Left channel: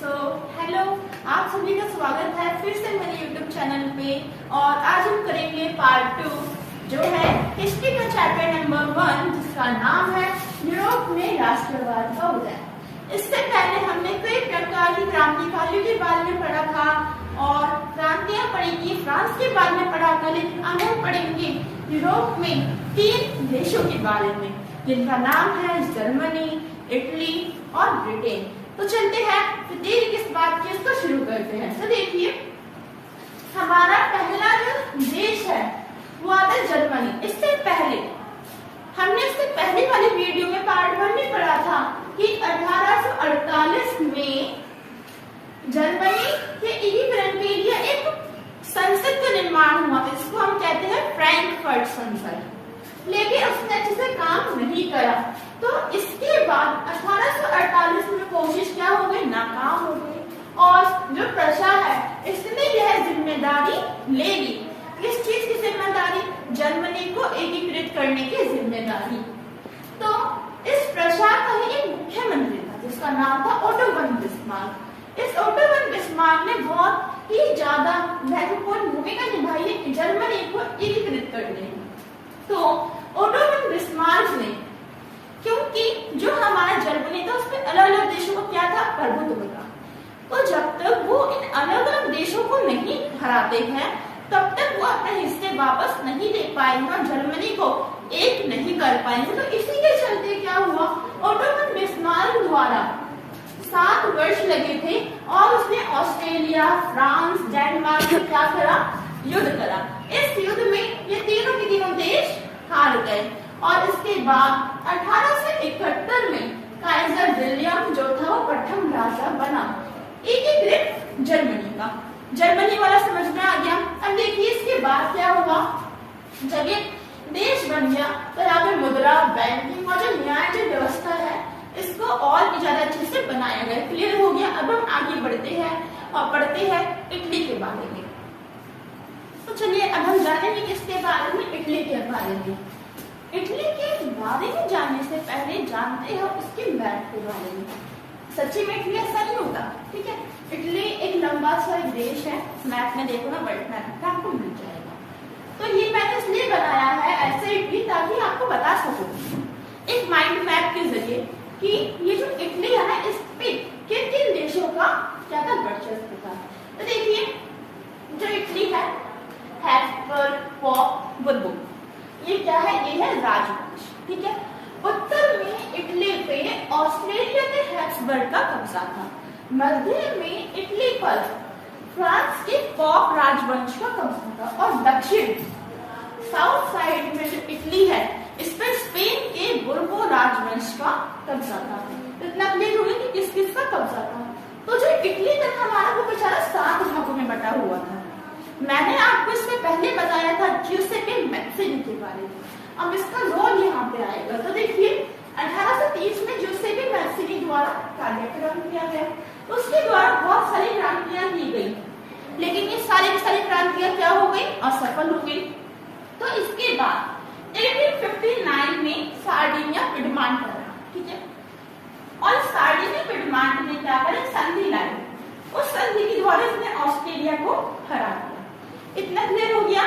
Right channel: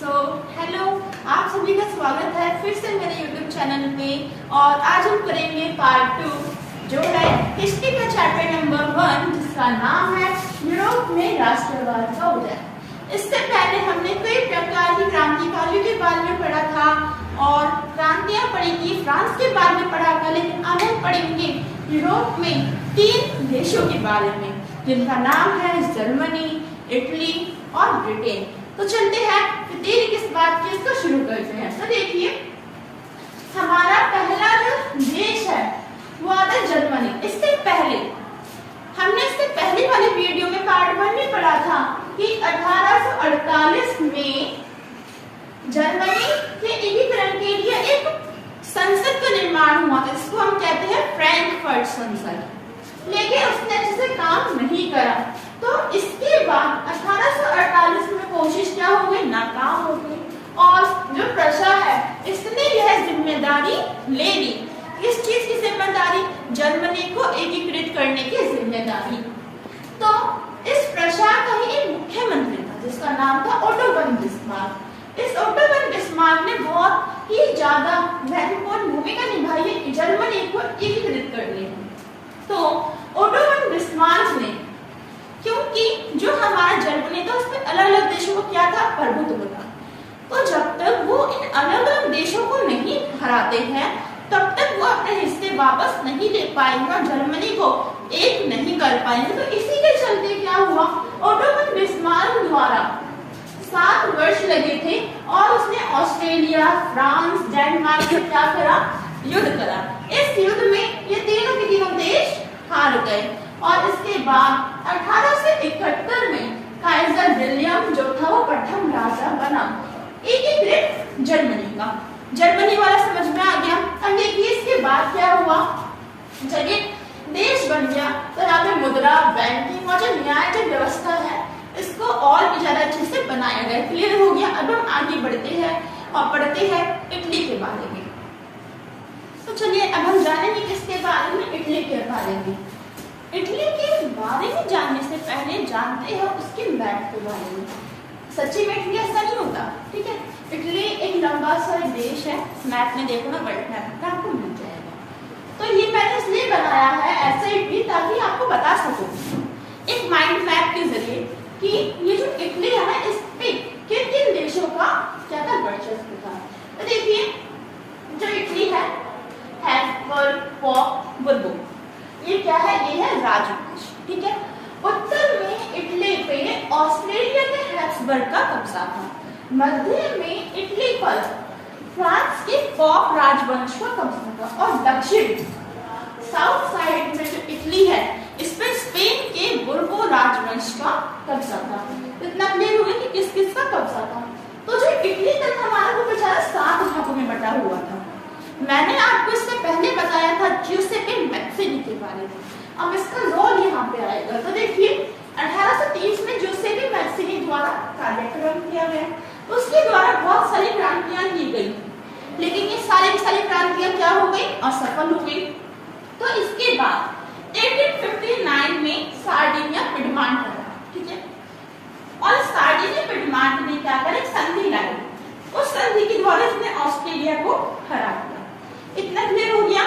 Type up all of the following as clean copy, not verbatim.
So hello, आप सभी का स्वागत है फिर से मेरे यूट्यूब चैनल पे। और आज हम करेंगे पार्ट 2 जो है हिस्ट्री का चैप्टर नंबर 1 जिसका नाम है यूरोप में राष्ट्रवाद का उदय। इससे पहले हमने कई प्रकार की क्रांतिकारियों के बारे में पढ़ा था और क्रांतियां पढ़ी की फ्रांस के बारे में पढ़ा था, लेकिन आज हम पढ़ेंगे यूरोप में 3 देशों के बारे में जिनका नाम है जर्मनी, इटली और ब्रिटेन। तो चलते हैं, फिर देरी किस बात की, इसको शुरू करते हैं। तो देखिए, हमारा पहला जो देश है वो आता है जर्मनी। इससे पहले हमने पहले वाले वीडियो में पार्ट 1 में पढ़ा था कि 1848 में जर्मनी के एकीकरण के लिए एक संसद का निर्माण हुआ था, जिसको हम कहते हैं फ्रैंकफर्ट संसद। लेकिन उसने अच्छे से काम नहीं करा, तो इसके बाद 1848 में कोशिश क्या हो गई, नाकाम हो गई। और जो प्रशा है इसने यह जिम्मेदारी ले ली। किस चीज की जिम्मेदारी? जर्मनी को एकीकृत करने की जिम्मेदारी। तो इस प्रशा का ही एक मुख्यमंत्री था जिसका नाम था ओटो वन बिस्मार्क। इस ओटो वन बिस्मार्क ने बहुत ही ज्यादा महत्वपूर्ण भूमिका निभाई है जर्मनी को एकीकृत करने में। तो ओटो वन बिस्मार्क ने, क्योंकि जो हमारा जर्मनी था उसमें अलग अलग देशों को क्या था, प्रभुत्व था, तो जब तक वो इन अलग अलग देशों को नहीं हराते हैं तब तक वो अपने हिस्से वापस नहीं ले पाएंगे और जर्मनी को एक नहीं कर पाएंगे। तो इसी के चलते क्या हुआ, ओटो वन बिस्मार्क द्वारा 7 वर्ष लगे थे और उसने ऑस्ट्रेलिया, फ्रांस, डेनमार्क से क्या करा, युद्ध करा। इस युद्ध में ये तीनों के तीनों देश हार गए और इसके बाद 1871 में काइजर विलियम जो था वो प्रथम राजा बना एकीकृत जर्मनी का। जर्मनी वाला समझ में आ गया। अब देखिए इसके बाद क्या हुआ, जब ये देश बन गया तो यहाँ पे मुद्रा, बैंकिंग और जो न्याय जो व्यवस्था है इसको और भी ज्यादा अच्छे से बनाया गया। क्लियर हो गया। अब हम आगे बढ़ते हैं और पढ़ते हैं इटली के बारे में। तो चलिए अब हम जानेंगे किसके बारे में, इटली के बारे में। इटली के बारे में जानने से पहले जानते हैं उसके मैप के बारे में। सच्ची में इटली ऐसा नहीं होता, ठीक है। इटली एक लंबा सा देश है, मैप में देखो ना, वर्ल्ड मैप का आपको मिल जाएगा। तो ये मैंने इसलिए बनाया है ऐसे इटली ताकि आपको बता सकूं एक माइंड मैप के जरिए कि ये जो इटली है ना इस पे किन किन देशों का क्या था, वर्चस्व था। तो देखिए जो इटली है, हैब्सबर्ग, पोप, बुर्बो, ये क्या है, ये है राजवंश, ठीक है। उत्तर में इटली पे ऑस्ट्रेलिया के हैब्सबर्ग का कब्जा था। मध्य में इटली पर फ्रांस के पोप राजवंश का कब्जा था और दक्षिण साउथ साइड में जो इटली है इस पर स्पेन के बुर्बो राजवंश का कब्जा था। इतना क्लियर हो गया कि किस किस का कब्जा था। तो जो इटली था हमारा वो बेचारा 7 भागों में बटा हुआ था। मैंने आपको इससे पहले बताया था ज्यूसेपे मैज़िनी के बारे में। अब इसका रोल यहाँ पे आएगा। तो देखिए 1830 में ज्यूसेपे मैज़िनी द्वारा कार्यक्रम किया गया, उसके द्वारा बहुत सारी क्रांतियां की गई, लेकिन ये सारी की सारी क्रांतियां क्या हो गई, असफल हो गई। तो इसके बाद 1859 में सार्डिनिया पिडमांट करा, ठीक है। और सार्डिनिया पिडमांट ने क्या करा, संधि लाई। उस संधि के द्वारा इसने ऑस्ट्रेलिया को हरा दिया। इतना क्लियर हो गया।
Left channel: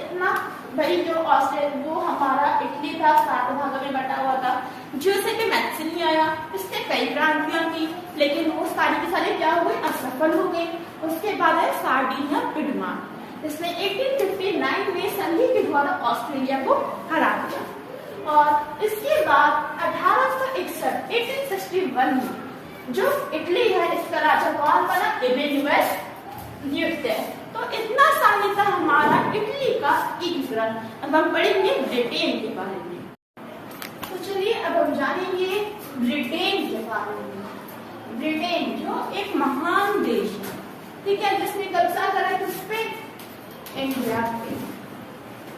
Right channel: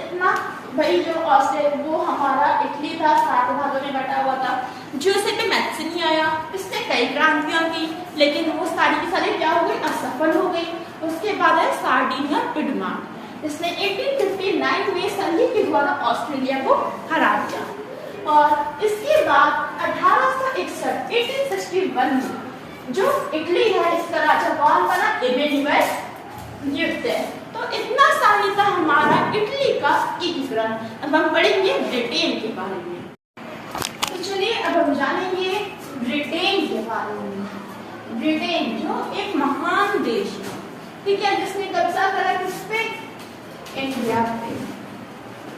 इतना भाई जो ऑस्ट्रेलिया वो हमारा इटली था 7 भागों में बटा हुआ था। ज्यूसेपे मैज़िनी आया, इसने कई क्रांतियां की, लेकिन वो सारी की सारी क्या हो गई, असफल हो गई। उसके बाद है सार्डिनिया पिडमांट, इसने 1859 में संधि के द्वारा ऑस्ट्रेलिया को हरा दिया। और इसके बाद 1861 में जो इटली है इसका राजा कौन बना, इमैनुएल द्वितीय। तो इतना सारी था हमारा इटली का एकीकरण। अब हम पढ़ेंगे ब्रिटेन के बारे में। तो चलिए अब हम जानेंगे ब्रिटेन के बारे में। ब्रिटेन जो एक महान देश है, ठीक है, जिसने कब्जा करा किस पे, इंडिया पे,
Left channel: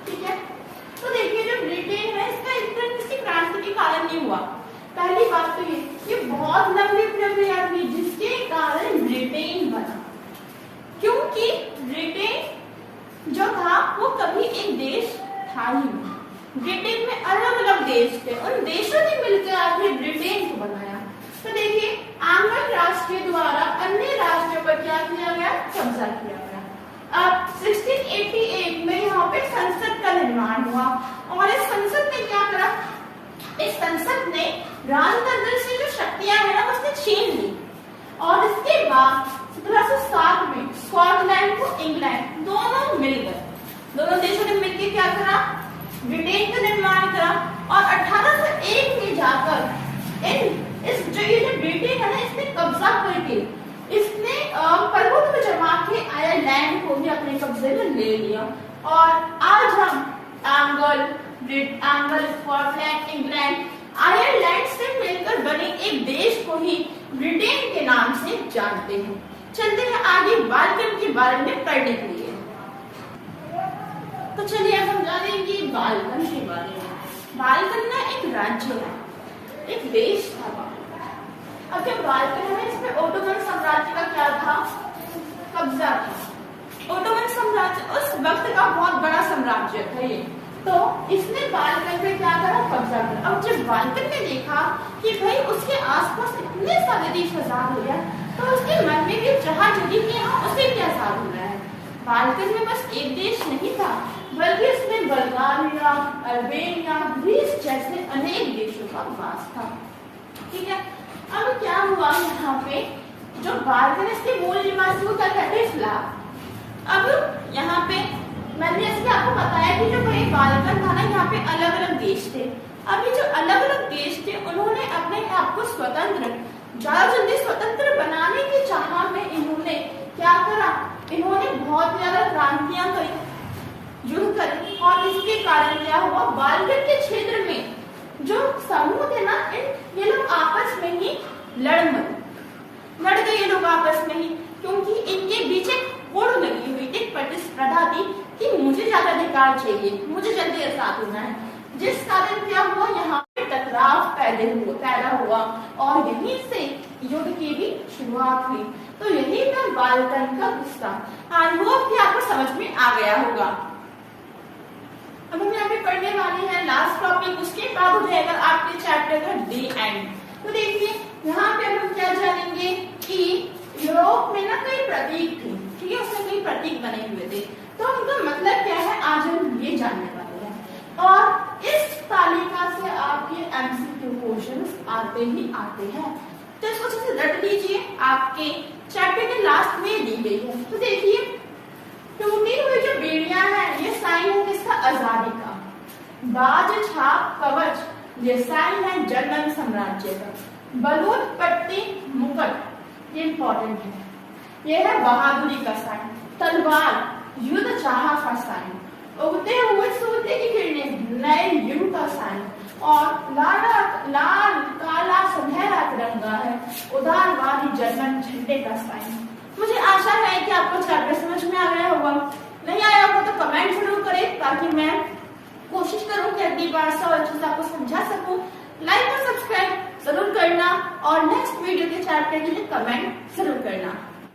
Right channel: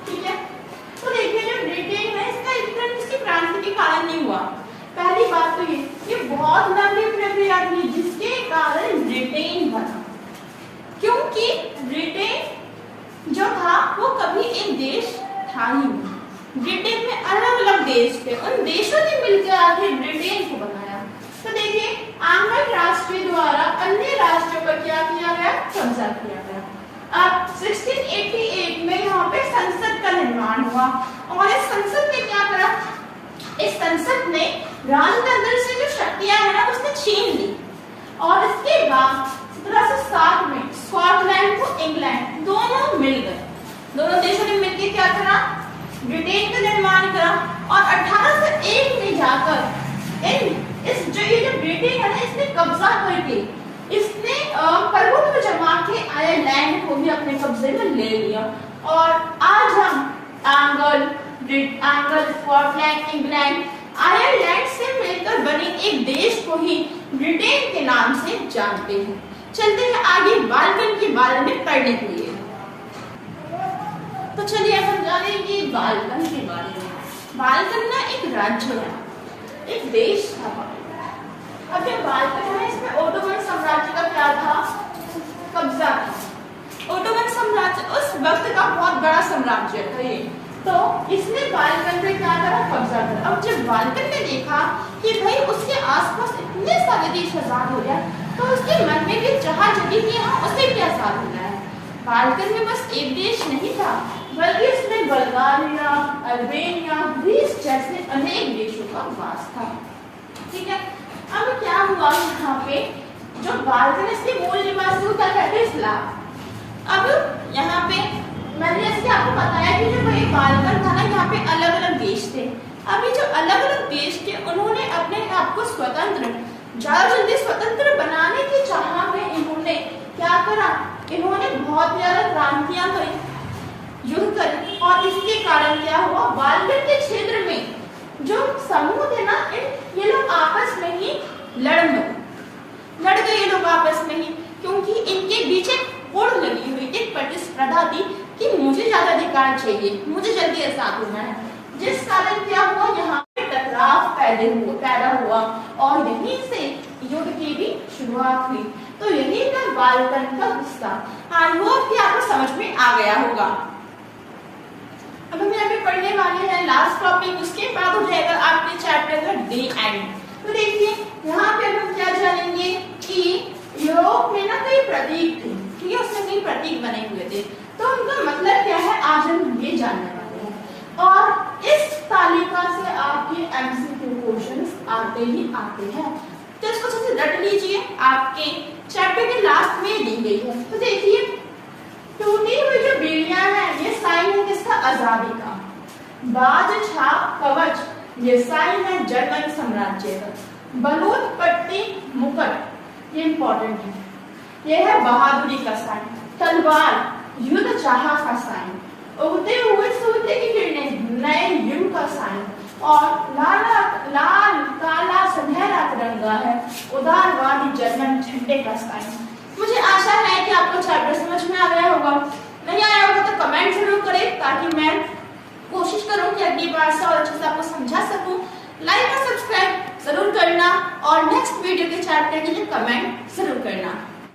ठीक है। तो देखिए जो ब्रिटेन है इसका एकीकरण किसी क्रांति के कारण नहीं हुआ। पहली बात तो ये बहुत लंबी प्रक्रिया थी जिसके कारण ब्रिटेन बना, क्योंकि ब्रिटेन जो था वो कभी एक देश था ही नहीं। ब्रिटेन में अलग अलग देश थे, उन देशों ने मिलकर आके ब्रिटेन को बनाया। तो देखिए आंग्ल राष्ट्रीय कब्जा किया गया। अब 1688 में यहाँ पे संसद का निर्माण हुआ और इस संसद ने क्या करा, इस संसद ने राजतंत्र से जो शक्तियां है ना उसने छीन ली और इसके बाद 1707 में स्कॉटलैंड को इंग्लैंड दोनों मिल गए, दोनों देशों ने मिलकर क्या करा, ब्रिटेन का निर्माण करा और 1801 में जाकर इस जो ये जो ब्रिटेन है ना इसने कब्जा करके इसने प्रभुत्व जमा के आयरलैंड को भी अपने कब्जे में ले लिया और आज हम स्कॉटलैंड, इंग्लैंड, आयरलैंड से मिलकर बने एक देश को ही ब्रिटेन के नाम से जानते हैं। चलते हैं आगे बाल्कन के बारे में पढ़ने के लिए। तो चलिए अब हम जानेंगे बाल्कन के बारे में। बाल्कन ना एक राज्य है, एक देश था बाल्कन। अब जो बाल्कन है इसमें ओटोमन साम्राज्य का क्या था, कब्जा था। ओटोमन साम्राज्य उस वक्त का बहुत बड़ा साम्राज्य था ये, तो इसने बाल्कन पे क्या करा, कब्जा करा। अब जब बाल्कन ने देखा कि भाई उसके आसपास इतने सारे देश आजाद हो गए तो उसके मन में भी चाह जगी कि हाँ उसे भी आजाद होना है। बाल्कन में बस एक देश नहीं था बल्कि उसमें बल्गारिया, अल्बेनिया, ग्रीस जैसे अनेक देशों का वास था। ठीक है, अब क्या हुआ यहाँ पे जो बाल्कन इसके मूल निवासी को क्या कहते हैं, स्लाव। अब यहाँ पे मैंने जैसे आपको बताया कि जो भाई बाल्कन था ना यहाँ पे अलग अलग देश थे। अभी जो अलग अलग देश थे उन्होंने अपने आप को स्वतंत्र, ज्यादा जल्दी स्वतंत्र बनाने की चाह में इन्होंने क्या करा, इन्होंने बहुत ज्यादा क्रांतियां करी, युद्ध करे और इसके कारण क्या हुआ, बाल्कन के क्षेत्र में जो समूह थे ना ये लोग आपस में ही लड़ गए ये लोग आपस में ही, क्योंकि इनके बीच एक होड़ लगी हुई, एक प्रतिस्पर्धा थी कि मुझे ज्यादा अधिकार चाहिए, मुझे जल्दी आजाद होना है। जिस कारण क्या हुआ, यहाँ पे टकराव पैदा हुआ और यहीं से युद्ध की भी शुरुआत हुई। तो यही था बाल्कन का किस्सा। आई होप कि आपको समझ में आ गया होगा। अब हम यहाँ पे पढ़ने वाले हैं लास्ट टॉपिक, उसके बाद हो जाएगा आपके चैप्टर का दी एंड। तो देखिए यहाँ पे हम क्या जानेंगे कि यूरोप में ना कई प्रतीक थे, ठीक है, उसमें कई प्रतीक बने हुए थे, तो उनका मतलब क्या है आज हम ये जानने वाले हैं। और इस तालिका से आपके एमसीक्यू क्वेश्चंस आते ही आते हैं, तो इसको अच्छे से रट लीजिए, आपके चैप्टर के लास्ट में दी गई है। तो देखिए टूटी हुई जो बेड़ियां हैं ये साइन है किसका, आजादी का। बाज छाप कवच ये साइन है जर्मन साम्राज्य का। बलूत पट्टी मुकुट ये इंपॉर्टेंट है, ये है बहादुरी का साइन। तलवार युद्ध चाह का साइन। उगते हुए सूर्य की किरणें नए युग का साइन। और लाल काला सुनहरा तिरंगा है उदारवादी जर्मन झंडे का साइन। मुझे आशा है कि आपको चैप्टर समझ में आ गया होगा। नहीं आया होगा तो कमेंट जरूर करें ताकि मैं कोशिश करूं कि अगली बार से और अच्छे से आपको समझा सकूं। लाइक और सब्सक्राइब जरूर करना और नेक्स्ट वीडियो के चैप्टर के लिए कमेंट जरूर करना।